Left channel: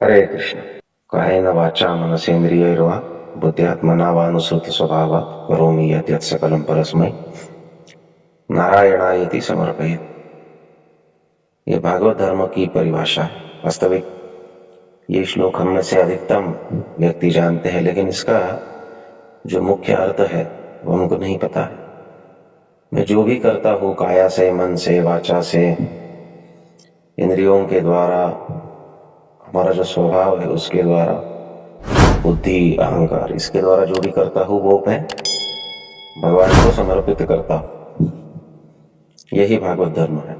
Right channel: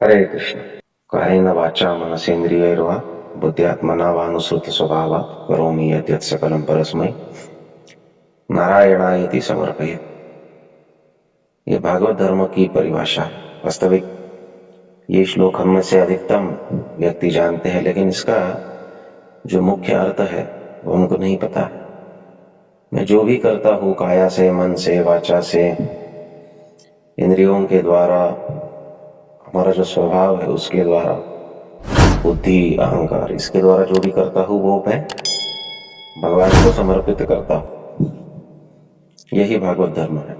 हरे कृष्ण। कायेन वाचा मनसेन्द्रियैर्वा बुद्ध्यात्मना वानुसृत स्वभावात् करोमि यद्यत् सकलं परस्मै नारायणायति समर्पयेत्। ये भागवत धर्म की परिभाषा है। वास्तविक ये श्लोक हम में से अधिकतम व्यक्ति जानते हैं, लेकिन इसका जो मुख्य अर्थ है वो हमको नहीं पता है। मैं जो भी करता हूँ काया से, मन से, वाचा से, इंद्रियों के द्वारा, हमारा जो स्वभाव है उसके द्वारा, बुद्धि, अहंकार, इसके द्वारा जो भी करता हूँ वो मैं भगवान को समर्पित करता हूँ। यही भागवत धर्म है।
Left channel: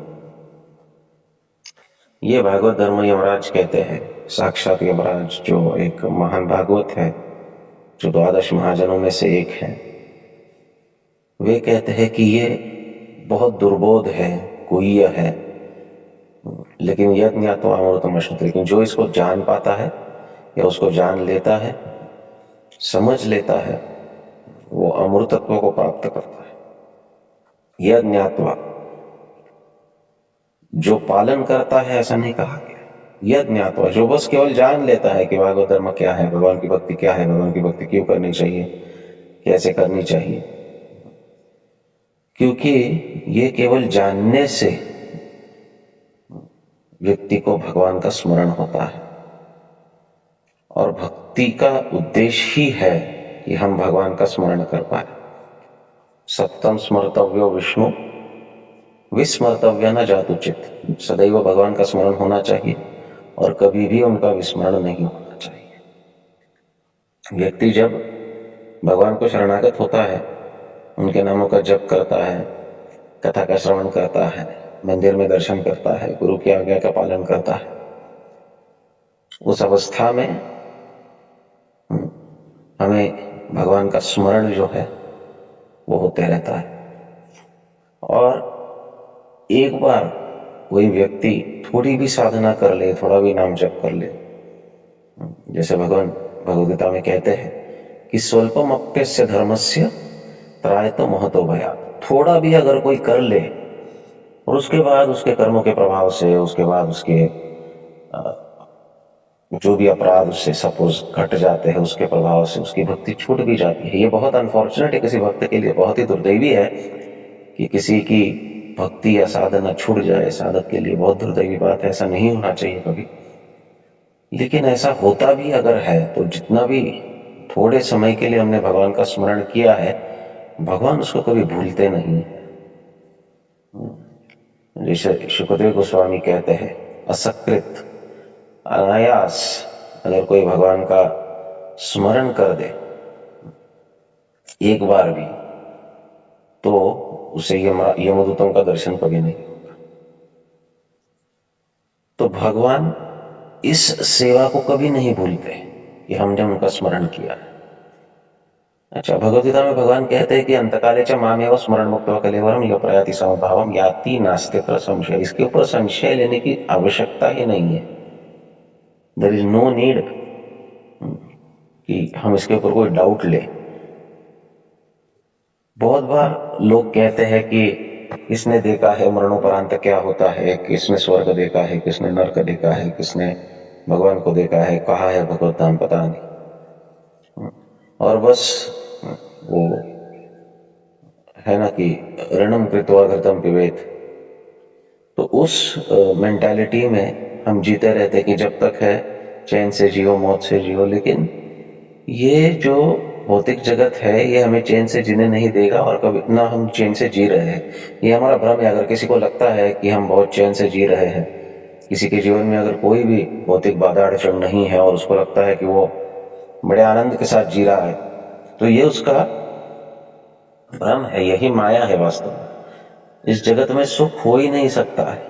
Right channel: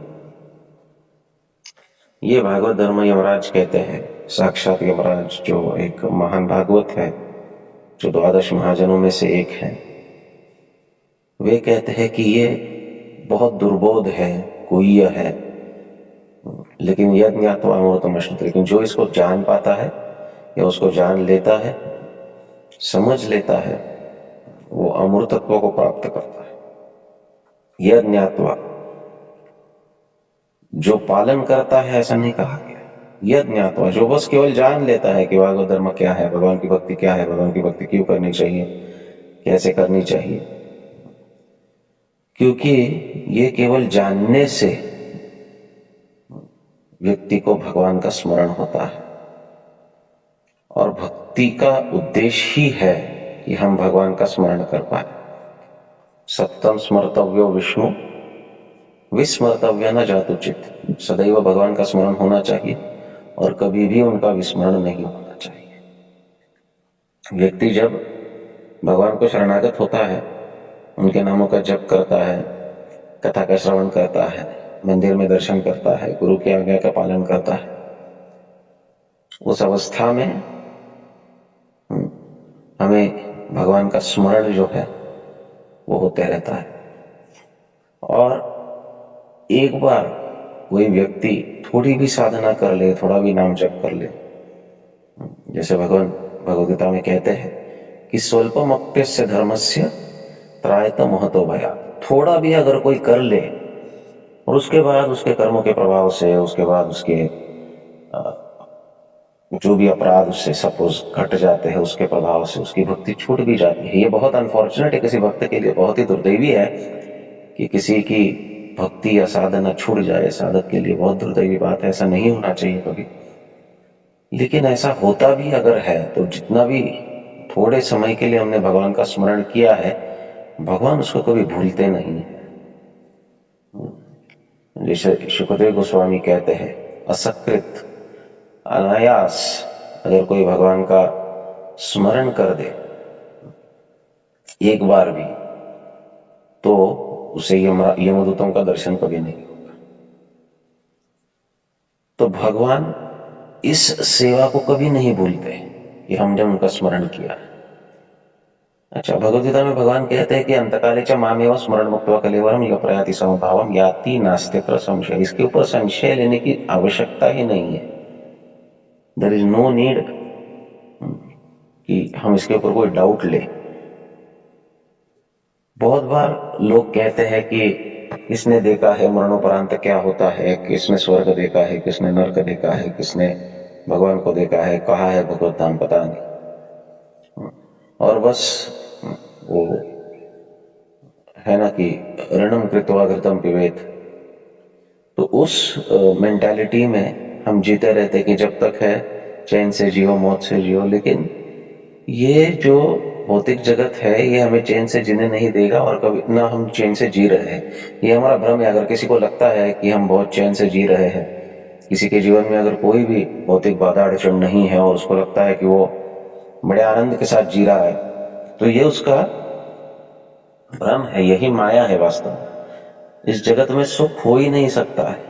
ये भागवत धर्म यमराज कहते हैं। साक्षात यमराज जो एक महान भागवत है, जो 12 महाजनों में से एक है, वे कहते हैं कि ये बहुत दुर्बोध है, गुह्य है, लेकिन यज्ञ ज्ञात्वा अमृतमश्नुते, लेकिन जो इसको जान पाता है या उसको जान लेता है, समझ लेता है, वो अमृतत्व को प्राप्त करता है। यज्ञ ज्ञात्वा, जो पालन करता है ऐसा नहीं कहा गया। यज्ञ ज्ञात्वा, जो बस केवल जान लेता है कि भागवत धर्म क्या है, भगवान की भक्ति क्या है, भगवान की भक्ति क्यों करनी चाहिए, कैसे करनी चाहिए। क्योंकि ये केवल जानने से व्यक्ति को भगवान का स्मरण होता है, और भक्ति का उद्देश्य ही है कि हम भगवान का स्मरण कर पाए। सत्तम स्मर्तव्यो विष्णु विस्मर्तव्य न जातुचित। सदैव भगवान का स्मरण होना चाहिए और कभी भी उनका विस्मरण नहीं होना चाहिए। व्यक्ति जब भगवान को शरणागत होता है, उनके नामों का जप करता है, कथा का श्रवण करता है, मंदिर में दर्शन करता है, गुरु की आज्ञा का पालन करता है, उस अवस्था में हमें भगवान का स्मरण जो है वो होते रहता है। और एक बार कोई व्यक्ति थोड़ी भी साधना कर ले, थोड़ा भी नाम जप कर ले, जैसे भगवान भगवद्गीता में कहते हैं कि स्वल्पम अप्यस्य धर्मस्य त्रायत महतो भयात्। थोड़ा भी अगर कोई कर ले और उसके बाद उसके कर्मों के प्रभाव से, उसके बाद उसके जो भी अपराध उससे सपोज घट जाते हैं, उसके प्रभाव से उसकी भक्ति छूट भी जाती है। ये बहुत अनफॉर्चुनेट है, किसी भक्त के लिए बहुत ही दुर्दैवी है कि किसी की भक्ति या साधना छूट जाए। साधक के लिए बहुत दुर्दैवी बात है, ऐसा नहीं होना चाहिए कभी। लेकिन ऐसा होता भी अगर है तो जितना भी थोड़े समय के लिए हमने भगवान का स्मरण किया है, भगवान उसको कभी भूलते नहीं है। जैसे सुखदेव गोस्वामी कहते हैं, असकृत, अनायास अगर कोई भगवान का स्मरण कर दे एक बार भी, तो उसे यमदूतों का दर्शन कभी नहीं होगा। तो भगवान इस सेवा को कभी नहीं भूलते कि हमने उनका स्मरण किया है। अच्छा, भगवद्गीता में भगवान कहते हैं कि अंतकाले च मामेव स्मरण मुक्त्वा कलेवरम यः प्रयाति समभावम याति नास्त्यत्र संशय। इसके ऊपर संशय लेने की आवश्यकता ही नहीं है। देयर इज नो नीड कि हम इसके ऊपर कोई डाउट ले। बहुत बार लोग कहते हैं कि किसने देखा है मरणोपरांत क्या होता है, किसने स्वर्ग देखा है, किसने नरक देखा है, किसने भगवान को देखा है, कहा है भगवत धाम, पता नहीं। और बस वो है ना कि ऋणम कृत्वा घृतम पिबेत। तो उस मेंटालिटी में हम जीते रहते कि जब तक है चैन से जियो, मौत से जियो। लेकिन ये जो भौतिक जगत है ये हमें चैन से जीने नहीं देगा, और कभी ना हम चैन से जी रहे हैं। ये हमारा भ्रम है। अगर किसी को लगता है कि हम बहुत चैन से जी रहे हैं, किसी के जीवन में अगर कोई भी भौतिक बाधा अड़चन नहीं है और उसको लगता है कि वो बड़े आनंद के साथ जी रहा है, तो ये उसका भ्रम है, यही माया है। वास्तव में इस जगत में सुख हो ही नहीं सकता है।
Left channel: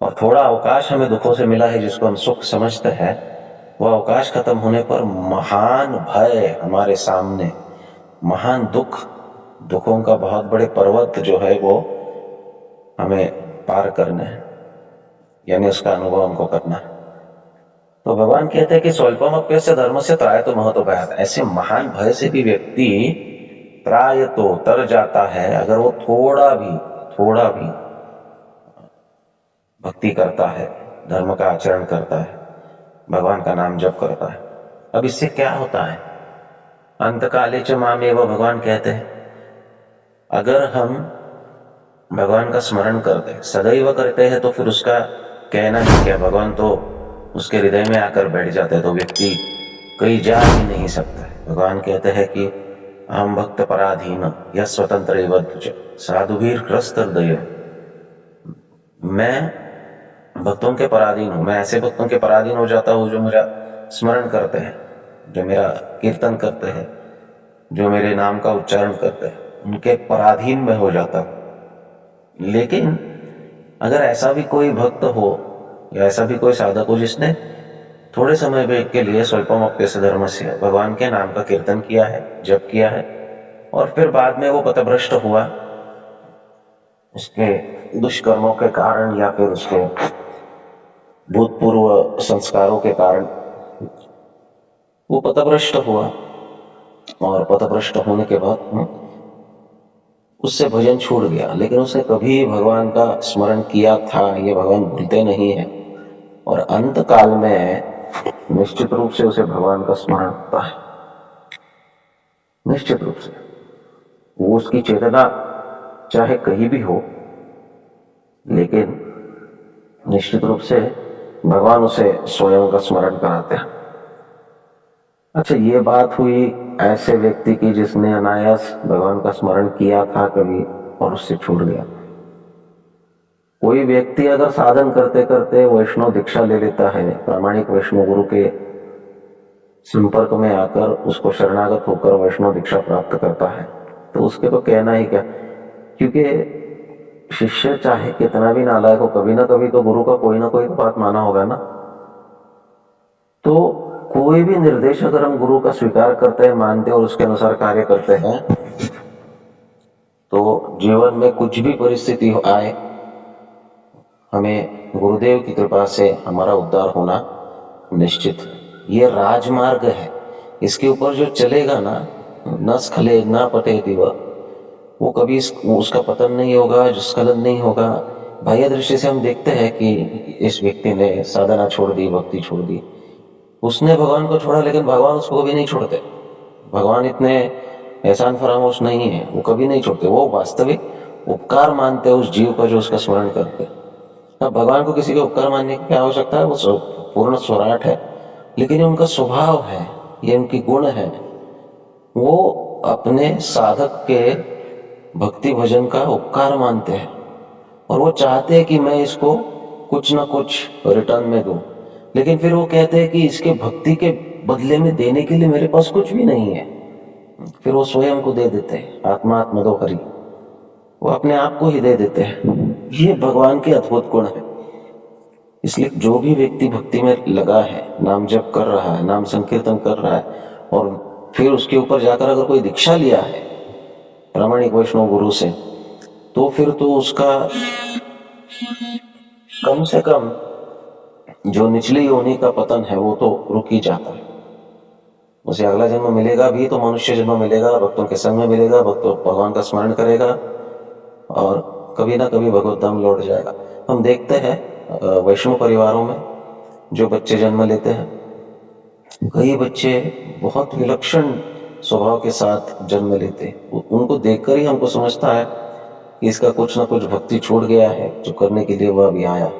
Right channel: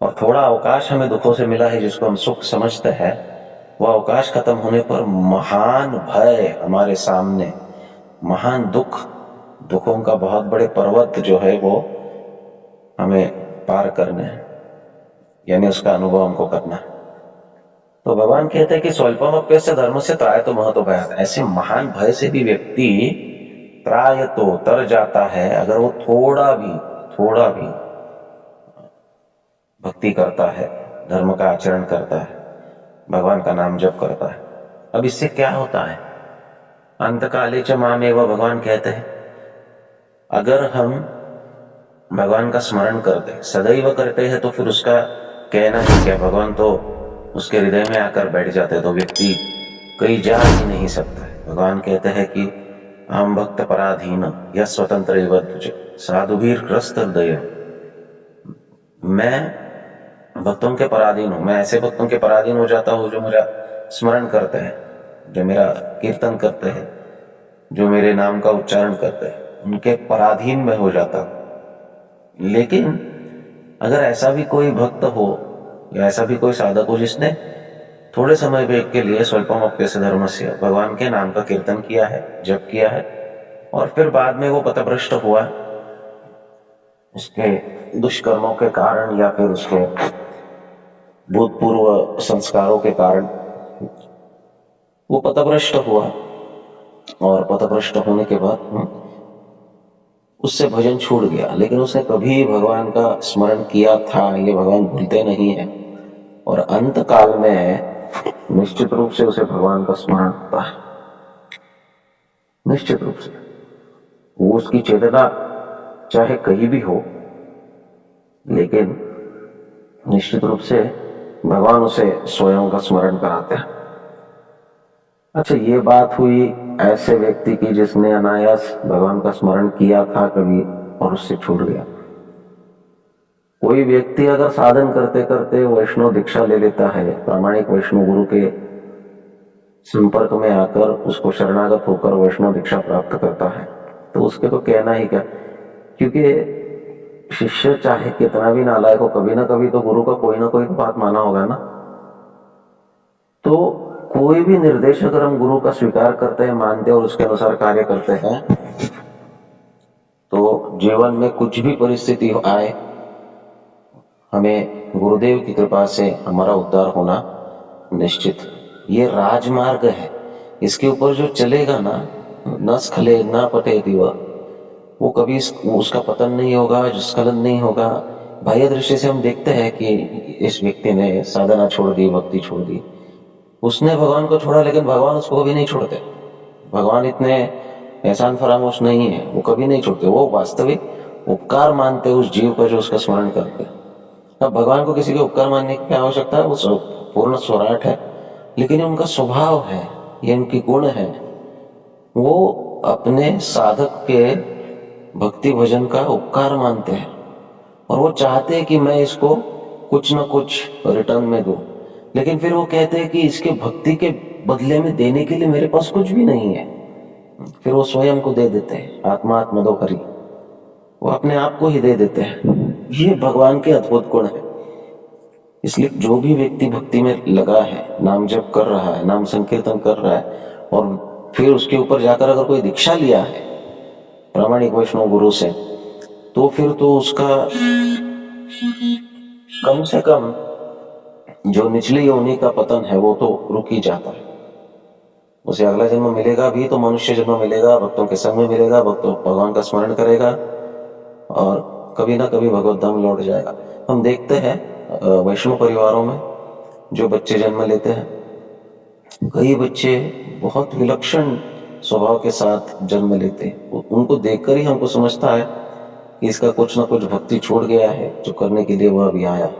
और थोड़ा अवकाश हमें दुखों से मिला है जिसको हम सुख समझते हैं, वह अवकाश खत्म होने पर महान भय हमारे सामने, महान दुखों का बहुत बड़े पर्वत जो है वो हमें पार करने हैं, यानी उसका अनुभव हमको करना है। तो भगवान कहते हैं कि स्वल्पम अप्यस्य धर्मस्य त्रायतो महतो भयात्। ऐसे महान भय से भी व्यक्ति त्रायतो तर जाता है अगर वो थोड़ा भी भक्ति करता है, धर्म का आचरण करता है। भगवान का नाम जप करता है। अब इससे क्या होता है? अंतकाले च मामेव भगवान कहते हैं, अगर हम भगवान का स्मरण करते सदैव करते हैं तो फिर उसका कहना ही क्या, भगवान तो उसके हृदय में आकर बैठ जाते हैं, तो व्यक्ति कहीं जा ही नहीं सकता है। भगवान कहते हैं कि हम भक्त पराधीन या स्वतंत्र एवं तुझ साधुवीर ग्रस्त हृदय, मैं भक्तों के पराधीन हूं। मैं ऐसे भक्तों के पराधीन हो जाता हूं जो मेरा स्मरण करते हैं, जो मेरा कीर्तन करते हैं, जो मेरे नाम का उच्चारण करते हैं, उनके पराधीन में हो जाता हूं। लेकिन अगर ऐसा भी कोई भक्त हो या ऐसा भी कोई साधक हो जिसने थोड़े समय के लिए स्वल्पम अप्यस्य धर्मस्य भगवान के नाम का कीर्तन किया है, जप किया है, और फिर बाद में वो पथभ्रष्ट हुआ उसके दुष्कर्मों के कारण या फिर उसके भूतपूर्व संस्कारों के कारण, वो पथभ्रष्ट हुआ और पथभ्रष्ट होने के बाद उससे भजन छूट गया, लेकिन उसने कभी भगवान का स्मरण किया था, ये भगवान भूलते नहीं है, और अंत काल में निश्चित रूप से उसे भगवान का स्मरण होता है। निश्चित रूप से वो उसकी चेतना चाहे कहीं भी हो, लेकिन निश्चित रूप से भगवान उसे स्वयं का स्मरण कराते हैं। अच्छा, ये बात हुई ऐसे व्यक्ति की जिसने अनायास भगवान का स्मरण किया था कभी और उससे छूट गया। कोई व्यक्ति अगर साधन करते करते वैष्णव दीक्षा ले लेता है, प्रामाणिक वैष्णव गुरु के संपर्क में आकर उसको शरणागत होकर वैष्णव दीक्षा प्राप्त करता है, तो उसके तो कहना ही क्या, क्योंकि शिष्य चाहे कितना भी नालायक हो, कभी ना कभी तो गुरु का कोई ना कोई तो बात माना होगा ना। तो कोई भी निर्देश अगर हम गुरु का स्वीकार करते हैं, मानते हैं और उसके अनुसार कार्य करते हैं, तो जीवन में कुछ भी परिस्थिति आए, हमें गुरुदेव की कृपा से हमारा उद्धार होना निश्चित है। ये राजमार्ग है, इसके ऊपर जो चलेगा ना, न स्खले न पटे दिवा, वो कभी उसका पतन नहीं होगा, स्खलन नहीं होगा। बाह्य दृष्टि से हम देखते हैं कि इस व्यक्ति ने साधना छोड़ दी, भक्ति छोड़ दी, उसने भगवान को छोड़ा, लेकिन भगवान उसको कभी नहीं छोड़ते। भगवान इतने एहसान फरामोश नहीं है, वो कभी नहीं छोड़ते। वो वास्तविक उपकार मानते उस जीव का जो उसका स्मरण करते। अब भगवान को किसी के उपकार मानने की क्या आवश्यकता है, वो पूर्ण स्वराट है, लेकिन ये उनका स्वभाव है, ये उनकी गुण है। वो अपने साधक के भक्ति भजन का उपकार मानते हैं और वो चाहते हैं कि मैं इसको कुछ ना कुछ रिटर्न में दूं, लेकिन फिर वो कहते हैं कि इसके भक्ति के बदले में देने के लिए मेरे पास कुछ भी नहीं है। फिर वो स्वयं को दे देते हैं, आत्मात्मदो हरि, वो अपने आप को ही दे देते हैं। ये भगवान के अद्भुत गुण है। इसलिए जो भी व्यक्ति भक्ति में लगा है, नाम जप कर रहा है, नाम संकीर्तन कर रहा है, और फिर उसके ऊपर जाकर अगर कोई दीक्षा लिया है प्रामाणिक वैष्णव गुरु से, तो फिर तो उसका कम से कम जो निचली योनि का पतन है वो तो रुक ही जाता है। उसे अगला जन्म मिलेगा भी तो मनुष्य जन्म मिलेगा, भक्तों के संग में मिलेगा, भगवान का स्मरण करेगा और कभी ना कभी भगवत धाम लौट जाएगा। हम देखते हैं वैष्णव परिवारों में जो बच्चे जन्म लेते हैं, कई बच्चे बहुत विलक्षण स्वभाव के साथ जन्म लेते हैं। उनको देखकर ही हमको समझता है कि इसका कुछ ना कुछ भक्ति छूट गया है जो करने के लिए वह अभी आया।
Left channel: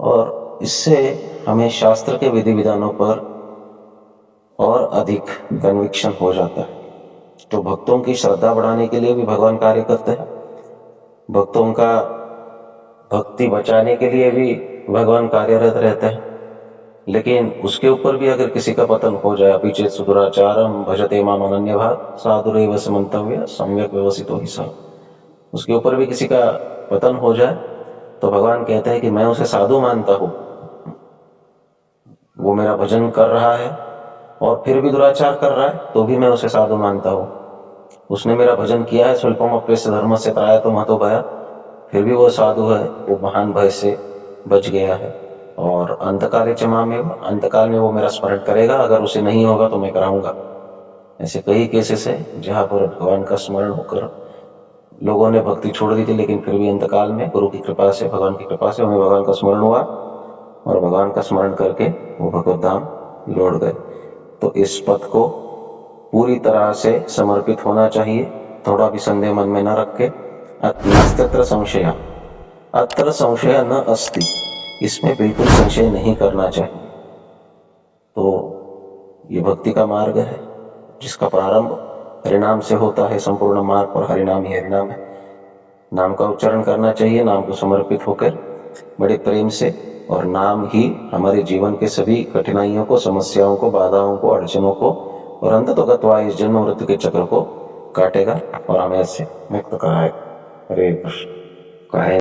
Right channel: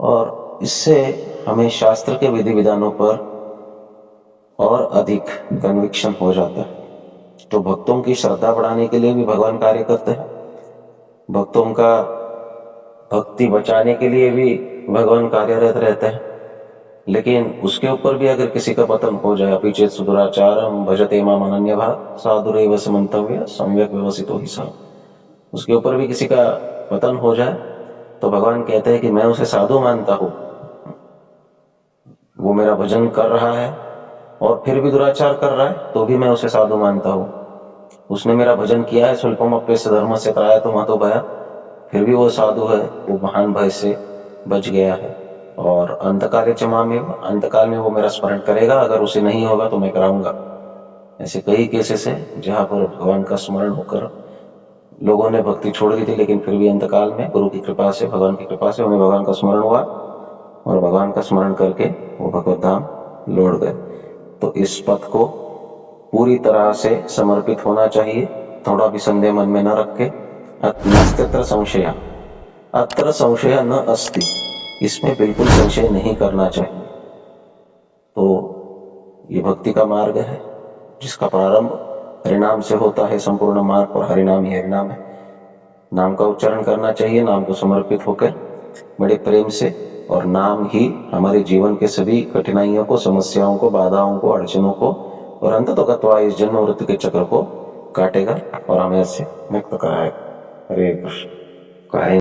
और इससे हमें शास्त्र के विधि विधानों पर और अधिक कन्विक्शन हो जाता है। तो भक्तों की श्रद्धा बढ़ाने के लिए भी भगवान कार्य करते हैं, भक्तों का भक्ति बचाने के लिए भी भगवान कार्यरत रहते हैं, लेकिन उसके ऊपर भी अगर किसी का पतन हो जाए, पीछे सुदुराचारम भजते माम अनन्य भाग साधुरेव समन्तव्य सम्यक व्यवसितो ही सा, उसके ऊपर भी किसी का पतन हो जाए तो भगवान कहते हैं कि मैं उसे साधु मानता हूं, वो मेरा भजन कर रहा है और फिर भी दुराचार कर रहा है तो भी मैं उसे साधु मानता हूं। उसने मेरा भजन किया है, स्वल्पम अप्यस्य धर्म से त्राय तो महतो भया, फिर भी वो साधु है, वो महान भय से बच गया है। और अंतकाले च मामेव, अंतकाल में वो मेरा स्मरण करेगा, अगर उसे नहीं होगा तो मैं कराऊंगा। ऐसे कई केसेस है जहां पर भगवान का स्मरण होकर लोगों ने भक्ति छोड़ दी थी, लेकिन फिर भी अंतकाल में गुरु की कृपा से, भगवान की कृपा से उन्हें भगवान का स्मरण हुआ और भगवान का स्मरण करके वो भगवत धाम लौट गए। तो इस पथ को पूरी तरह से समर्पित होना चाहिए, थोड़ा भी संदेह मन में न रखे। नास्त्यत्र संशय, अत्र संशय न अस्ति, इसमें बिल्कुल संशय नहीं करना चाहिए। तो ये भक्ति का मार्ग है जिसका प्रारंभ हरिनाम से होता है। संपूर्ण मार्ग पर हरिनाम ही हरिनाम है। नाम का उच्चारण करना चाहिए, नाम को समर्पित होकर बड़े प्रेम से, और नाम ही हमारे जीवन के सभी कठिनाइयों को, समस्याओं को, बाधाओं को, अड़चनों को और अंततोगत्वा इस जन्म मृत्यु के चक्र को काटेगा और हमें इससे मुक्त कराएगा। हरे कृष्ण।